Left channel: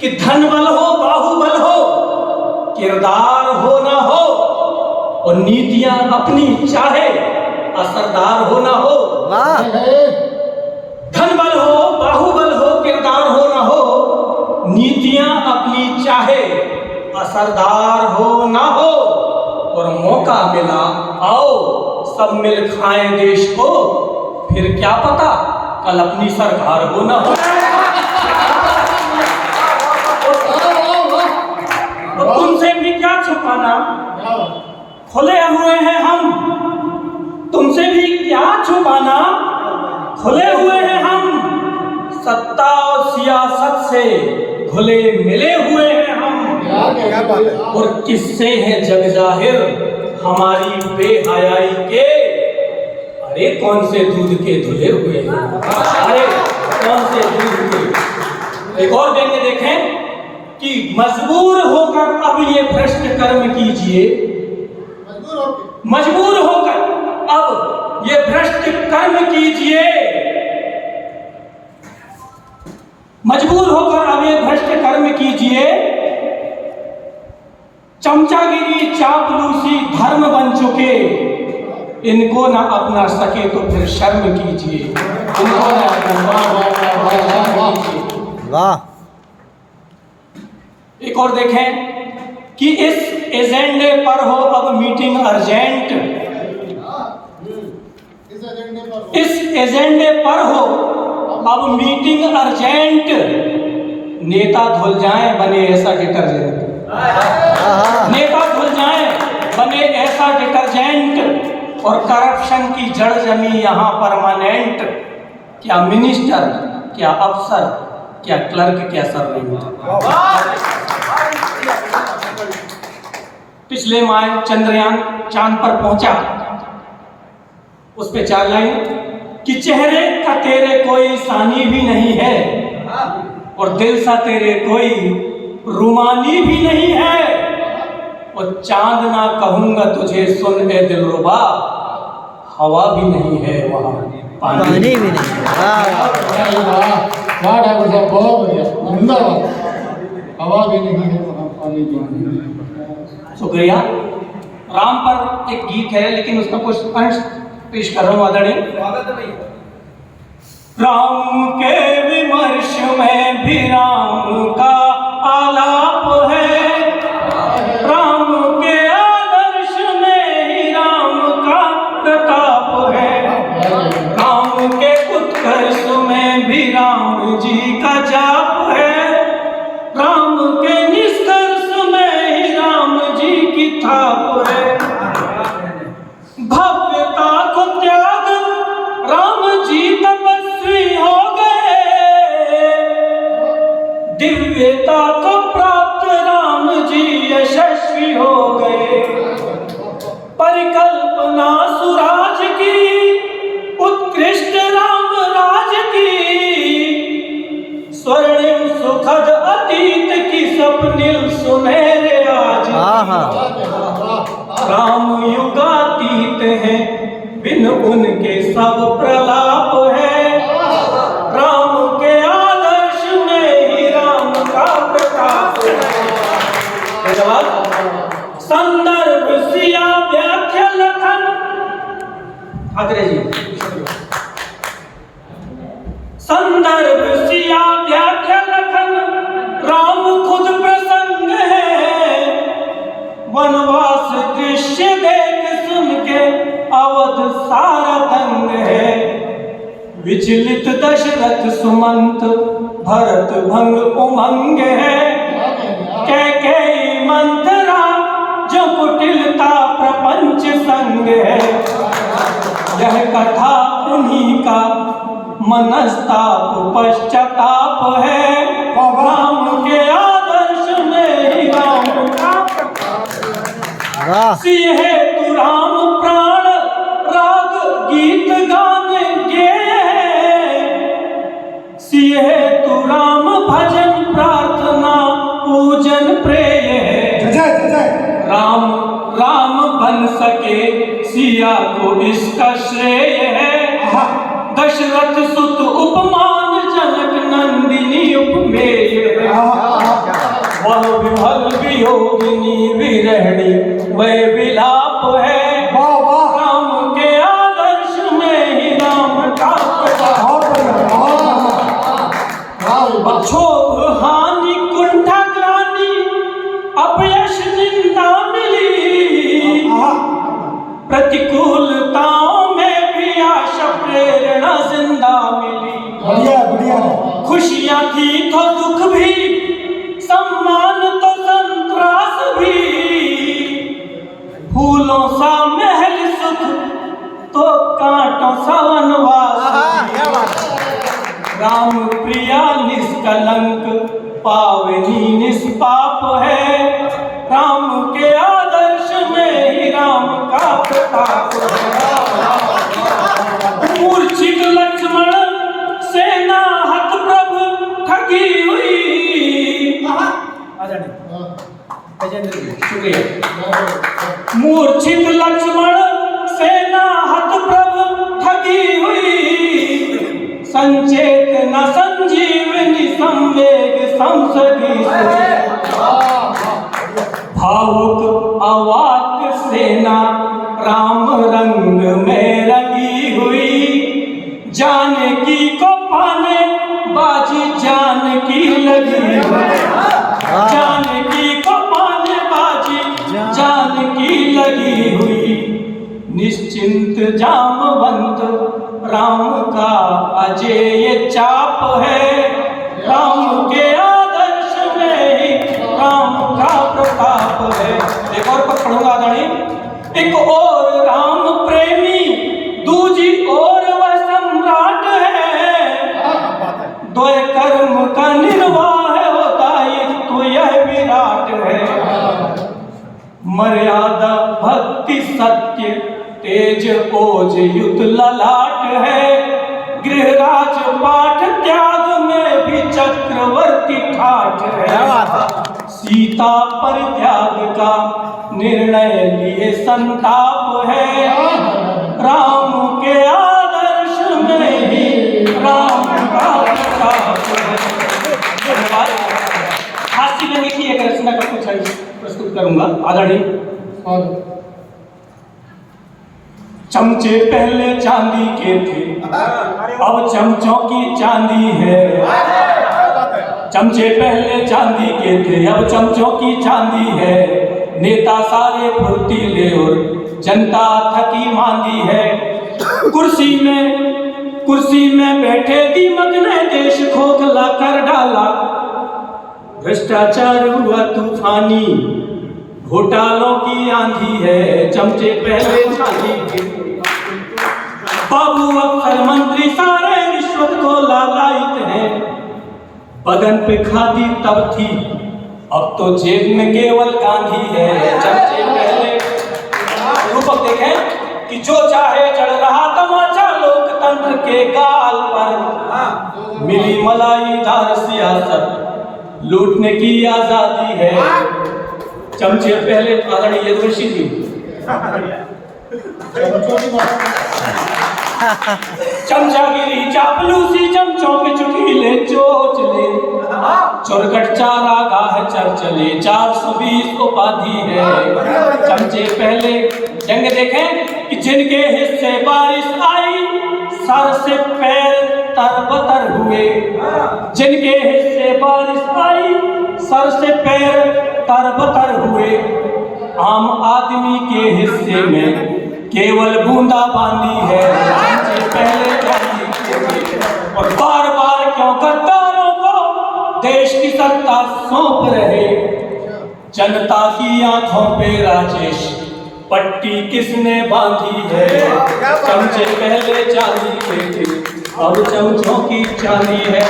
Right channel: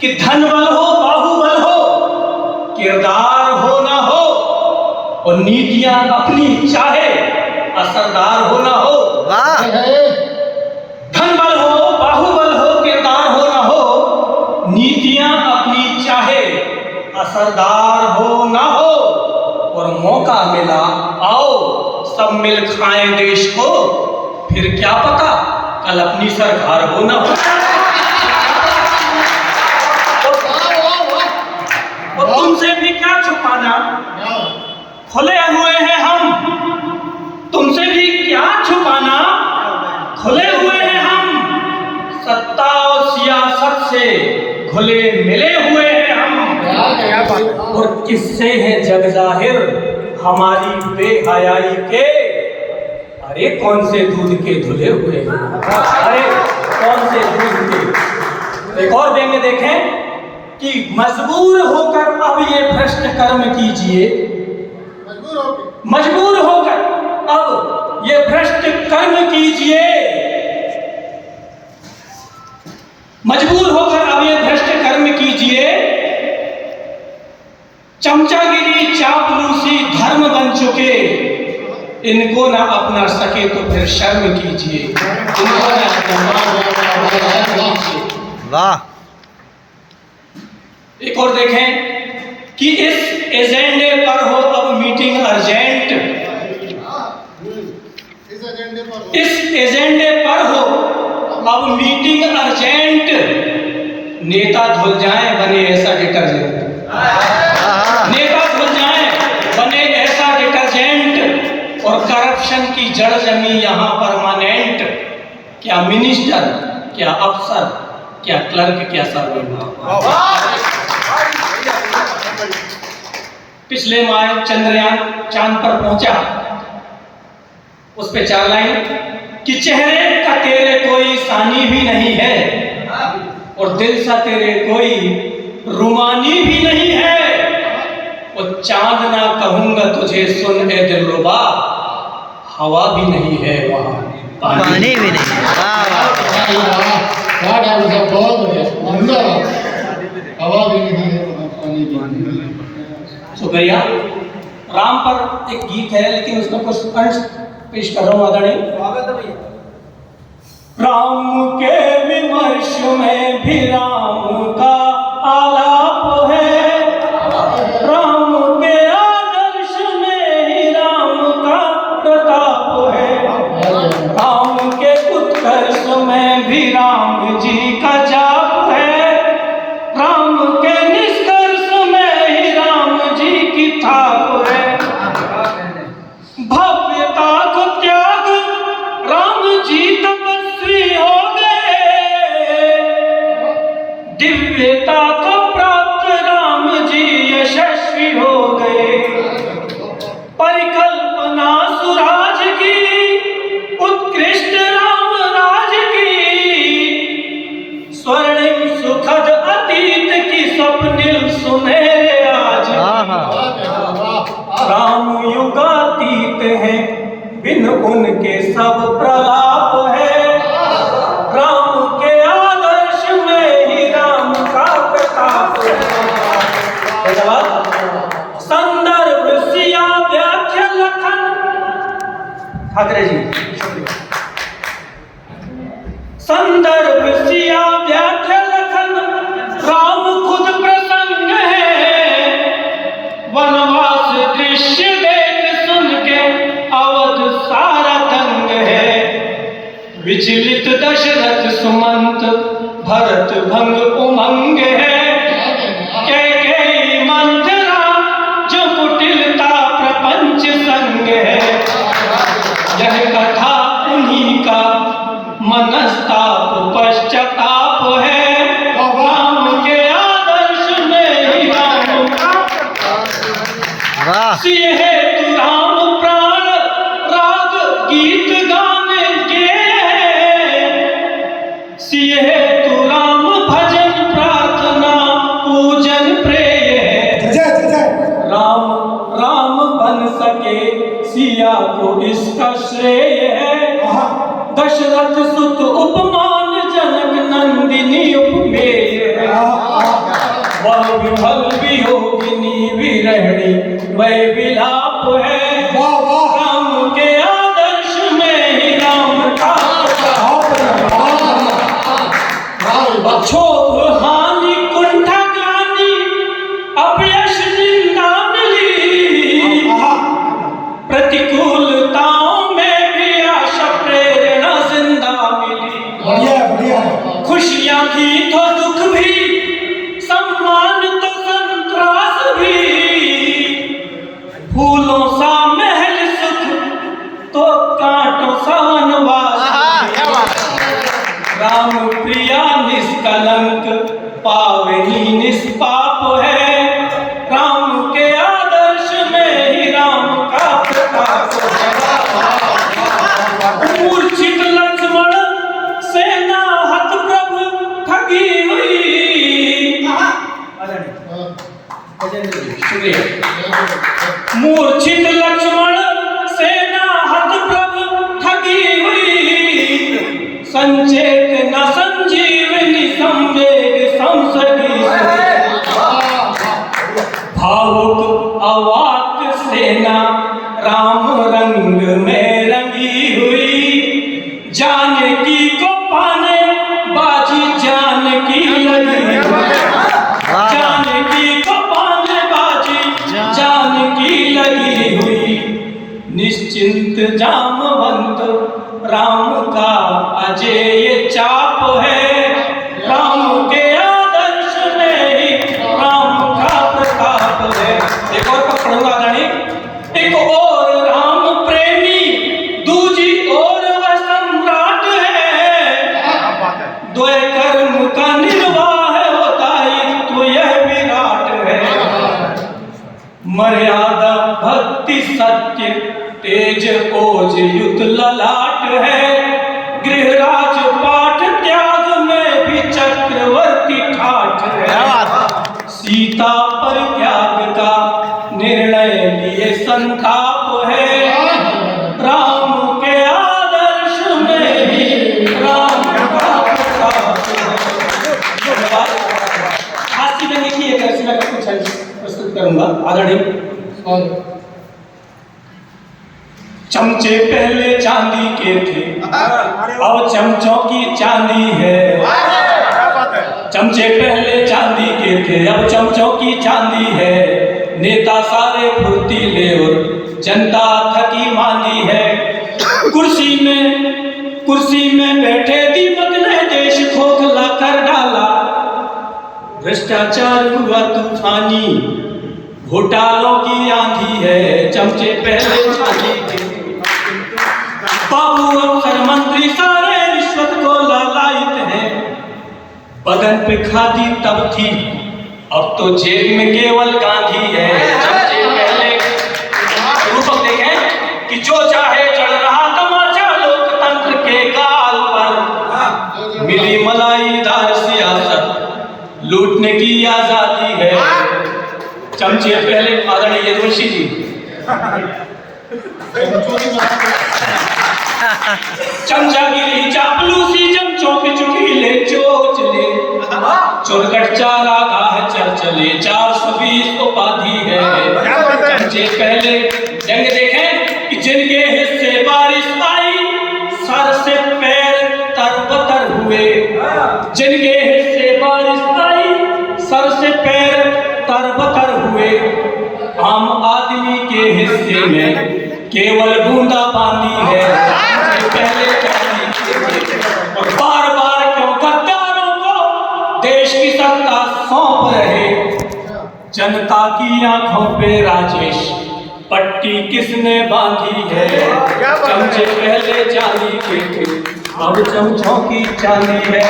कि धन बल हो, बाहुबल हो, किरदार हो ना हो, और नीतियां अपनी चाहे असरदार हो ना हो। धन बल हो, बाहुबल हो, किरदार हो ना हो, नीतियां अपनी चाहे असरदार हो ना हो, और मौका मिला आओ सब मिल खाएं देश को, फिर क्या पता कल अपनी सरकार हो ना हो। तुमसे भी क्या छुपाना, खुले हुए हैं हम, तुमसे भी क्या छुपाना, खुले हुए हैं हम, सत्ता और सियासत से खुले मिले हुए हैं हम, और किससे है जग जाहिर हमारी बेहयाई के, अरे कौन से दूध के धुले हुए हैं, अरे कौन से दूध के। एक और व्यंग्य देखें कि मजबूर होकर अब ये भ्रष्ट कर्म कीजिए, मजबूर होकर अब ये भ्रष्ट कर्म कीजिए, मजबूर होकर अब ये भ्रष्ट कर्म कीजिए, चमचागिरी चापलूसी धर्म बन चुके, इनको ना अपना सके तो फिर शर्म कीजिए, इनको ना अपना। वाह। एक और देखें कि इस एजेंडे पर हो अब मीटिंग अर्जेंट, इस एजेंडे पर हो अब मीटिंग अर्जेंट, नेता धुल जाएं बने ऐसा डिटर्जेंट, नेता धुल जाएं बने ऐसा डिटर्जेंट, और करप्शन की जड़ जमी यहां परमानेंट, क्या मिनिस्टर, क्या अफसर, क्या क्लर्क, क्या सर्वेंट। पिछले माह चंद्रयान चांद पर पहुंचा, उस पे 4 लाइन कि चेहरे का तेरे कोई सानी भी नहीं है, और दिल सा तेरे कोई रुमानी भी नहीं है, और चांद ना कहूंगा तुझे सुन ए दिलरुबा, हवा भी नहीं है वहां पानी भी नहीं है। हवा भी नहीं है वहां पानी भी नहीं है। शुक्रिया। राम पर एक गीत है लेकिन उसका कुछ अंश पेश कर रहा हूं आदरणीय। राम के विमर्श में भी राम का आलाप है, राम के आदर्श में ही राम का प्रताप है, राम के उत्कर्ष में भी राम जी का जाप है, राम के निष्कर्ष में ही राम जी की थाप है, भव्यता को त्याग राम जी तपस्वी हो गए, दिव्यता को प्राप्त राम जी यशस्वी हो गए, परिकल्पना सुराज की उत्कृष्ट राम राज की, स्वर्णिम सुखद अतीत की स्वप्निल सुनहरे आज, राम युगातीत है बिन उनके सब प्रलाप है, राम के आदर्श में ही राम का प्रताप है। संदर्भ सिया व्याख्या लखन, ठाकरे जी, संदर्भ सिया व्याख्या लखन, राम खुद प्रसन्न है, वनवास दृश्य देख सुन के अवध सारा दंग है, विचलित दशरथ सुमंत भरत भंग उमंग है, कैकेयी मंथरा जो कुटिलता प्रपंच संग है, यह कथा उन्हीं का मनस्ताप पश्चाताप है, राम के आदर्श में ही राम सिंह हेतु राम प्राण राग गीत गाने गे, सिंह हेतु राम भजन प्रार्थना पूजन प्रेय है, राम राम बन सके सिया को इसका श्रेय है, दशरथ सुत उपमान जनक नंदिनी उपमेय वह विमल वियोगिनी विरहणी वह विलाप है। वाह वाह राम के आदर्श में ही राम का क्षोभ हानि कुंठा ग्लानि अपयश निंदा मिली। प्रतिकूलताओं में भी आशा प्रेरणा जिंदा मिली। बढ़िया बढ़िया खुशियां थी तो दुख भी, सम्मान तो संतरास भी। फूलों सा महल सुख तो कांटों सा वनवास। राम प्रिया निष्कलंक पावनी निष्पाप है। राम के आदर्श में ही राम का प्रताप है। मूर्छित लक्ष्मण सेना हत प्रभु ठगी हुई। शुक्रिया। मूर्छित लक्ष्मण सेना हत प्रभु ठगी हुई। संचेत न संजीवनी संवेग संसगी सुई। भावुक अवाक सेना राम रंग में रंगी हुई। जानकी को पाने बाजी जानकी लगी। जानकी को पाने बाजी जानकी लगी हुई। निश्चिंत जामवंत राम का अजेय चाप है। राम के आदर्श में ही राम का प्रताप है। एक और पद पढ़ूंगा रानी। एक और राम प्रेमी, दूजी और वह सम्राट है। द्वय कर्म का निर्वाह होता ही तो यह विराट है। मर्यादा भक्ति सत्य तेज ओज युत ललाट है। गृहराज पाठ त्याग में भी चक्रवर्ती ठाठ है। सीता परित्याग का निर्णय लिए संताप है। राम के आदर्श में ही राम का प्रताप है। धन्यवाद। हास्य व्यंग्य की एक रचना का कुछ अंश प्रस्तुत करूंगा। आदरणीय चमचे पहले चांदी के थे, अब चमचों की चांदी है। चमचे पहले चांदी के थे, अब चमचों की चांदी है। नेता सारे फुर्तीले और जनता थकी मांदी है। कुर्सी में बैठे दीमक ने देश खोखला कर डाला। भ्रष्टाचार हुआ तूफानी, घोटालों की आंधी है। चमचे पहले चांदी के बाबू अफसर मंत्री सारे रिश्वत को लालायित हैं। बदन पे खादी तब थी, अब तो जेब में केवल गांधी है। चमचे पहले रूपक देखें कि जो चाहे चढ़ रहा तमाचा लोकतंत्र के गाल पर। मिली मलाईदार सियासत, लूटने की आजादी है। चमचे पहले आदरणीय यदुवंशी जी। चमचागिरी चापलूसी चमचों के चुकीले चोचले। चुरकट चारा गाह चरचले 420 उपाधि है। चमचे पहले जंग देखें कि जिनके हिस्से बारिश आई सर से पैर तरबतर हुए। जिनके हिस्से बारिश आई सर से पैर तरबतर हुए। आम आदमी के हिस्से में केवल बूंदाबांदी है। पहले और बार बार क्यों गद्दारों को देश की सत्ता सौंप रहे। जनता की आंखों पे राजेश पट्टी किसने बांधी है। चमचे पहले चांदी के थे, अब चमचों की चांदी है।